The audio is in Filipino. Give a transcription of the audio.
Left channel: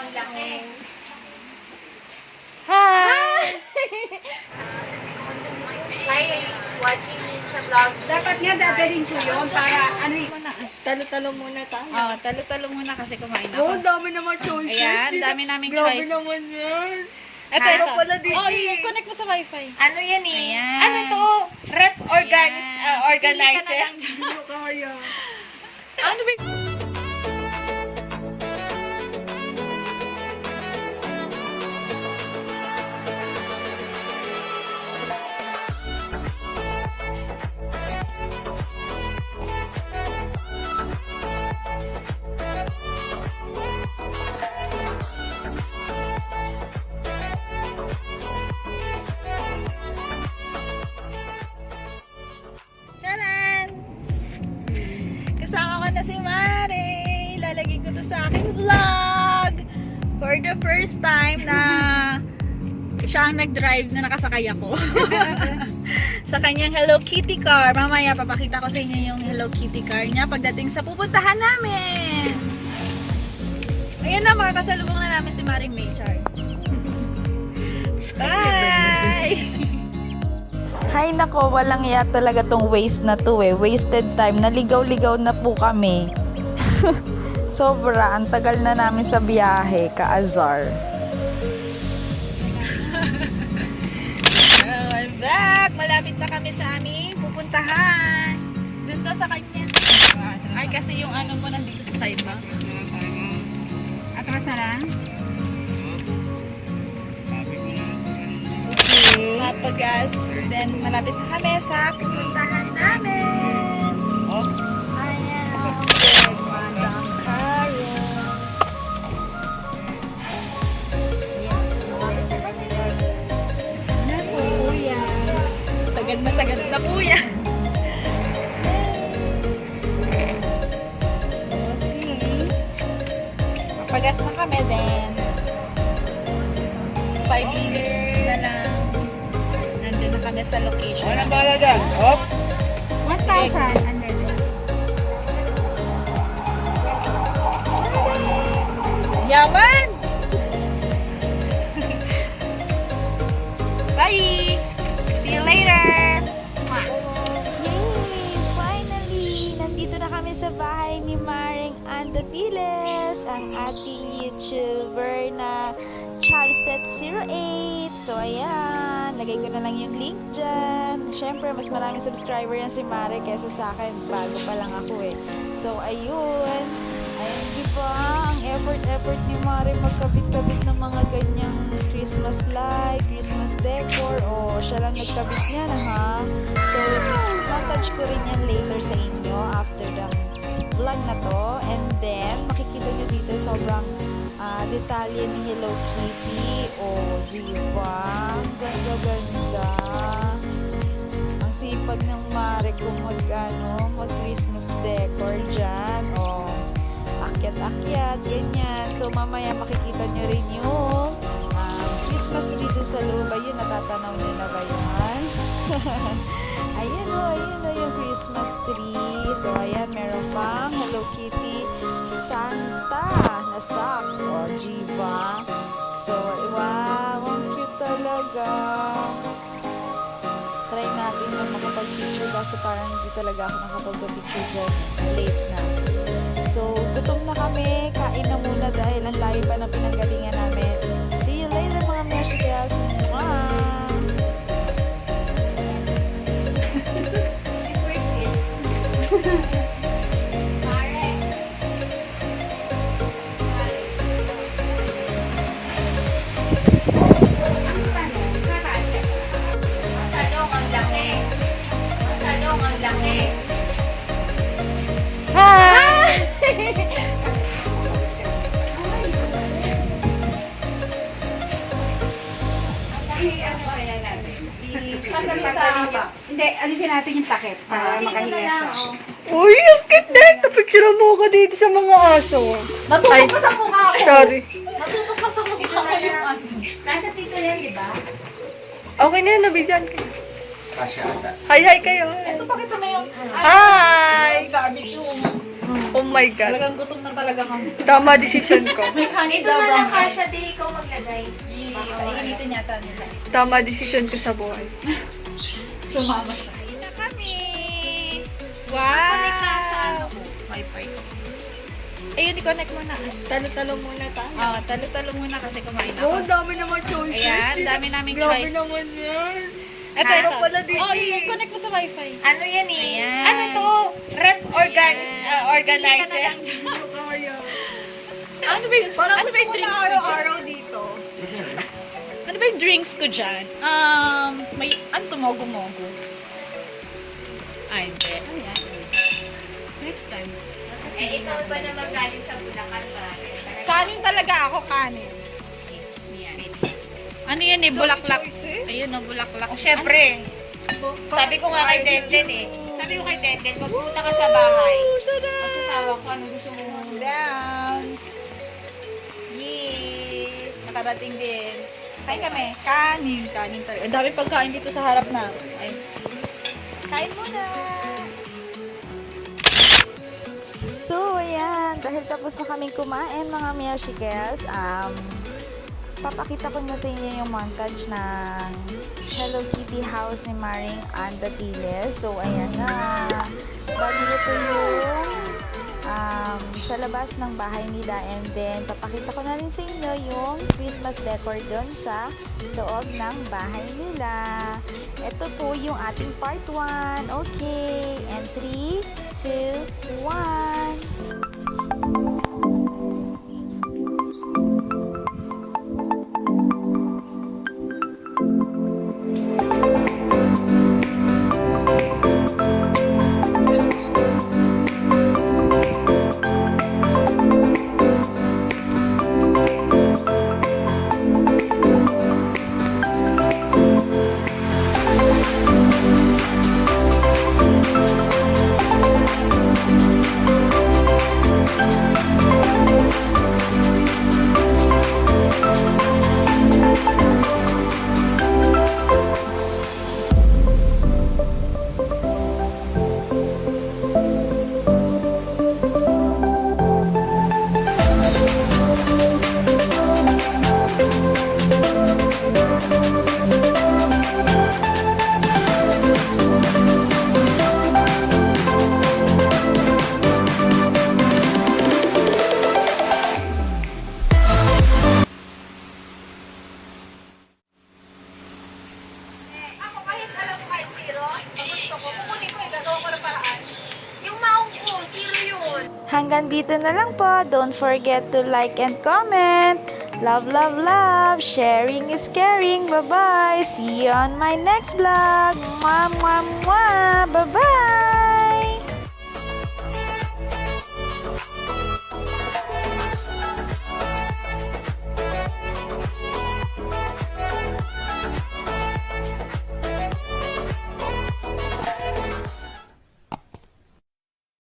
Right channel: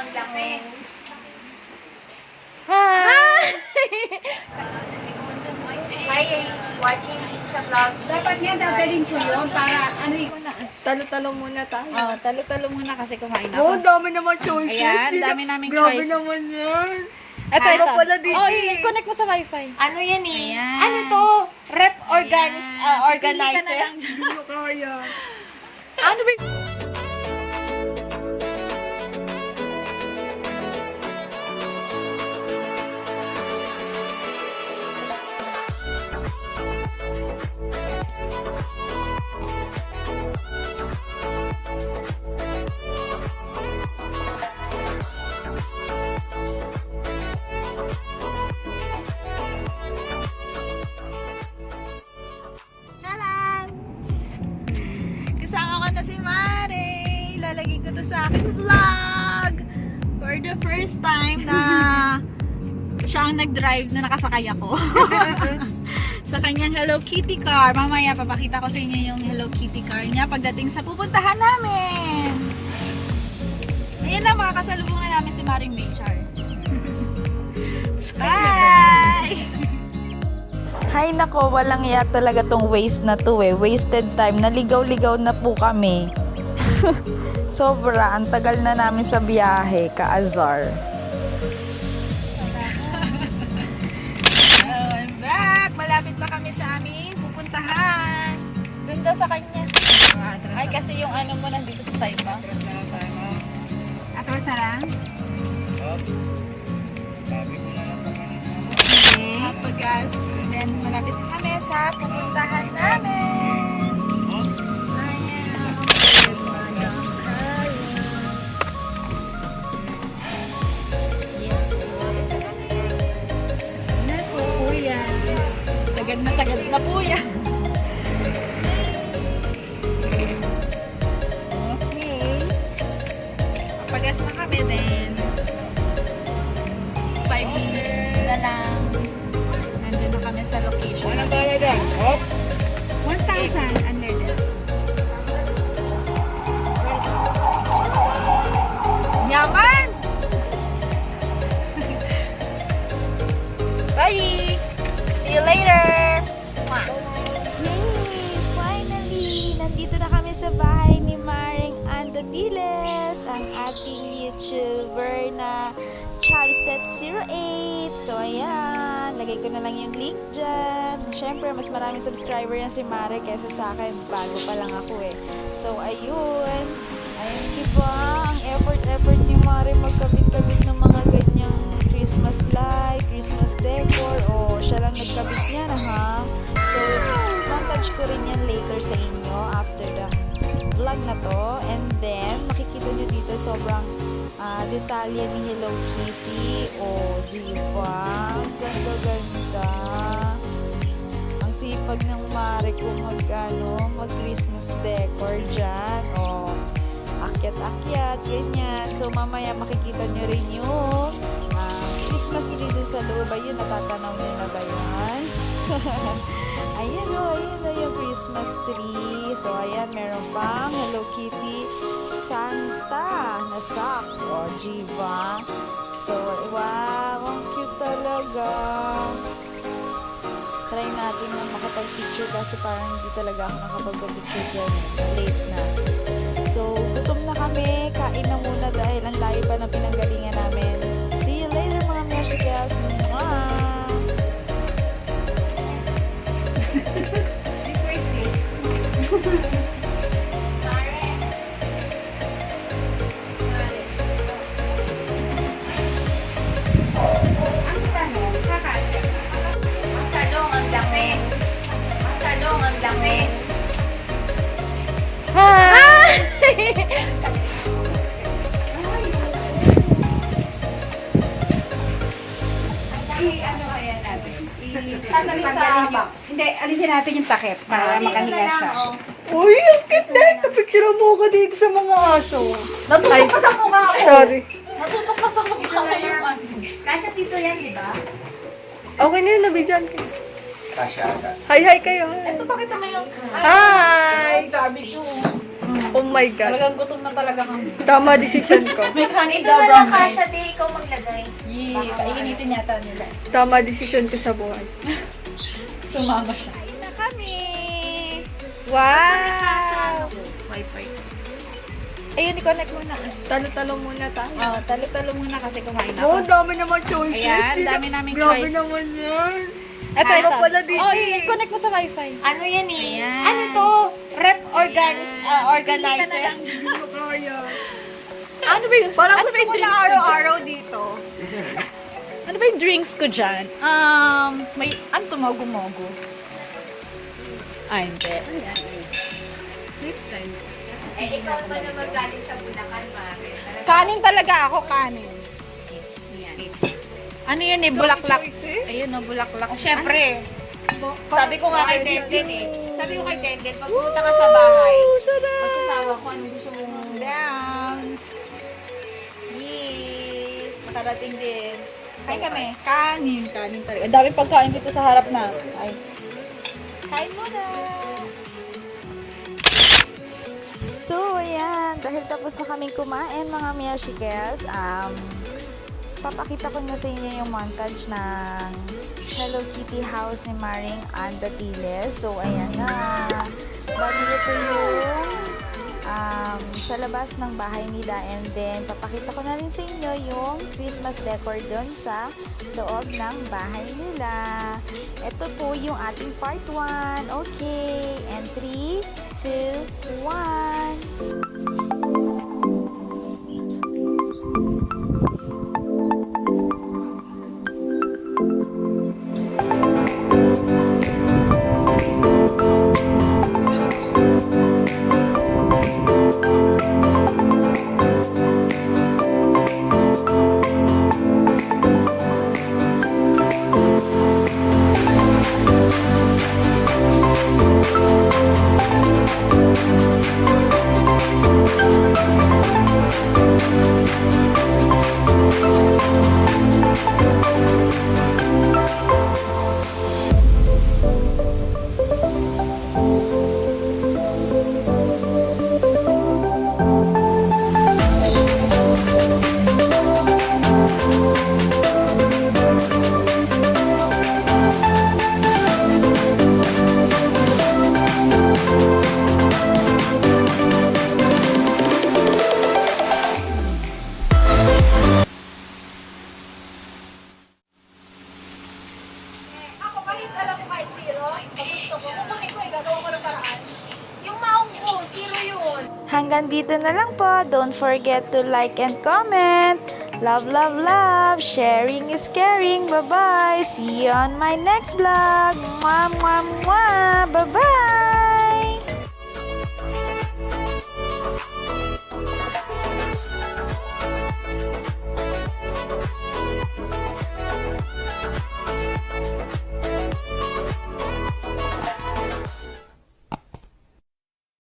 ang laki. Hi! Hi, watching sa vlog. Dapat nga dadalhin ko yun para ano yun. Talo-talo muna tayo. Oh, talo-talo muna kasi kumain Oh, ako. dami naman choices. Ayan, dami naming Grabe choice. naman yan. Ito. Pala dito. Oh, i-connect mo sa wifi. Ano yan eh? Ayan. Ano to? Rep Pipili ka organizer. na lang dyan. Hindi ko kaya. Ano ba? Charan! Kasama ko na si Mare. Lalagay ko to sa aking vlog. For the first time na siya ang nag-drive na nakasakay ako. Sa kanyang Hellokitty car. Mamaya papakita ko sa inyo yung Hellokitty car niya pagdating sa pupuntahan namin. Ayan na, makakasalubong na namin si Maring Maychar. Bye! Hay nako, walang iya talaga tong waste na to eh. Wasted time. Naligaw-ligaw na po kami. Sobra, ang tagal na namin sa biyahe, ka-azar. I'm back! Malapit na kami sa aming pupuntahan. Doon daw sa kanya. Ay, kasi yung ano mo nandito sa side ba? Akasarang? Papagas. Then, malapit na kami sa pupuntahan namin. Ayan. Madam Carol. Yes, malapit na kami. Naku, kuya. Sagad na po yan. Okay. Papagas na kami then 5 minutes na lang. Nandun na kami sa location. Walang bala dyan. Hop. 1,000 under there. Yaman! Bye! See you later! Yay! Finally! Nandito na kami sa bahay ni Maring Andatiles, ang ating YouTuber na Chavstet08. So, ayan. Lagay ko na lang yung link dyan. Siyempre, mas maraming subscriber yan si Mare kesa sa akin. Bago pa lang ako eh. So, ayun. Ayun, diba? Ang effort ni Mare magkabit-kabit ng mga ganyang Christmas light, Christmas decor. O, siya lang nagkabit niyan, ha? So, montage ko rin yan later sa inyo after the vlog na to. And then, makikita nyo dito sobrang detalye ni Hello Kitty. O, diba? Ang ganda-ganda. Ang sipag ng Mare kung mag-Christmas decor dyan. O, akyat-akyat, ganyan. So, mamaya makikita nyo rin yung Christmas tree dun sa loob. Ayun, natatanaw nyo na ba yan? Ayan o, yung Christmas tree. So, ayan, meron pang Hello Kitty Santa na socks. O, diba? So, wow, ang cute talaga. Try natin na makapag-picture kasi parang hindi talaga ako nakapag-picture dyan. Late na. So, gutom na kami. Kain na muna dahil ang layo pa ng pinanggalingan namin. See you later mga musicals. Mwah! It's worth it. Ang tanong, kakasya. Ang talong ang laki. Ang talong ang laki. Hi! Ano kaya natin? Tanggalin yung... Hindi, alisin natin yung takip para makahiga siya. Uy, ang ganda! Napicture mo ko dito sa mga aso. Natupok ka sa mukha ko. Sorry. Natupok ka sa mukha ko. Kasya dito yan, di ba? Okay na yun, nabigyan ka. Kasya ata. Hi kayo. Ito, pakita mo yung... Hi! Garbage yung... Oh my God. Talagang gutom na talaga kami. Tama decision ko. May kanin Ito daw na lang brown. kasha, di ikaw maglagay. Kainitin yata nila. Tama decision ko sa buhay. Sumama siya. Na kami. Connect ka sa ano Wow! ko. Wi-Fi. Ayun, i-connect muna. Talo-talo muna tayo. Talo-talo muna kasi kumain ako. Oh, dami naman choices. Ayan, dami naming Grabe choice. naman yan. Ito, ito. Pala dito. Oh, i-connect mo sa wifi. Ano yan eh? Ayan. Ano to? Rep organizer. Ano ba yun? Ano ba yung drinks ko araw-araw dito. Ano ba yung drinks ko dyan? May, ano to, mogo-mogo? Ay, hindi. Next time. Eh, ikaw ba naman galing sa Bulacan, Mare? Kanin talaga ako, kanin. Ano yan eh, bulaklak. Ayun, no, bulaklak. Siyempre. Sabi ko nga kay Denden eh. Sabi ko kay Denden, magpunta ka sa bahay. Masasawa ko ano gusto mo. Downs. Yee! Nakarating din. Kain kami. Kanin talaga. Ang daming pagkain dito sa harap na. Ay. Kain muna! So, ayan. Dahil tapos na kaming kumain, mga Miyashikels, papakita ko na sa inyo yung montage ng Hellokitty house ni Maring Andatiles. So, ayan na. Bali ito yung sa labas ng bahay nila, and then papakita ko na rin sa inyo yung Christmas decor doon sa loob ng bahay nila. Ito po yung ating part 1. Okay, and 3, 2, 1. Ako kahit alam ko kahit zero, gusto ko, kukunin ko, gagawa ko ng paraan. Yung maong ko, zero yun. Hanggang dito na lang po. Don't forget to like and comment. Love, love, love. Sharing is caring. Bye-bye. See you on my next vlog. Mwah, mwah, mwah. Bye-bye.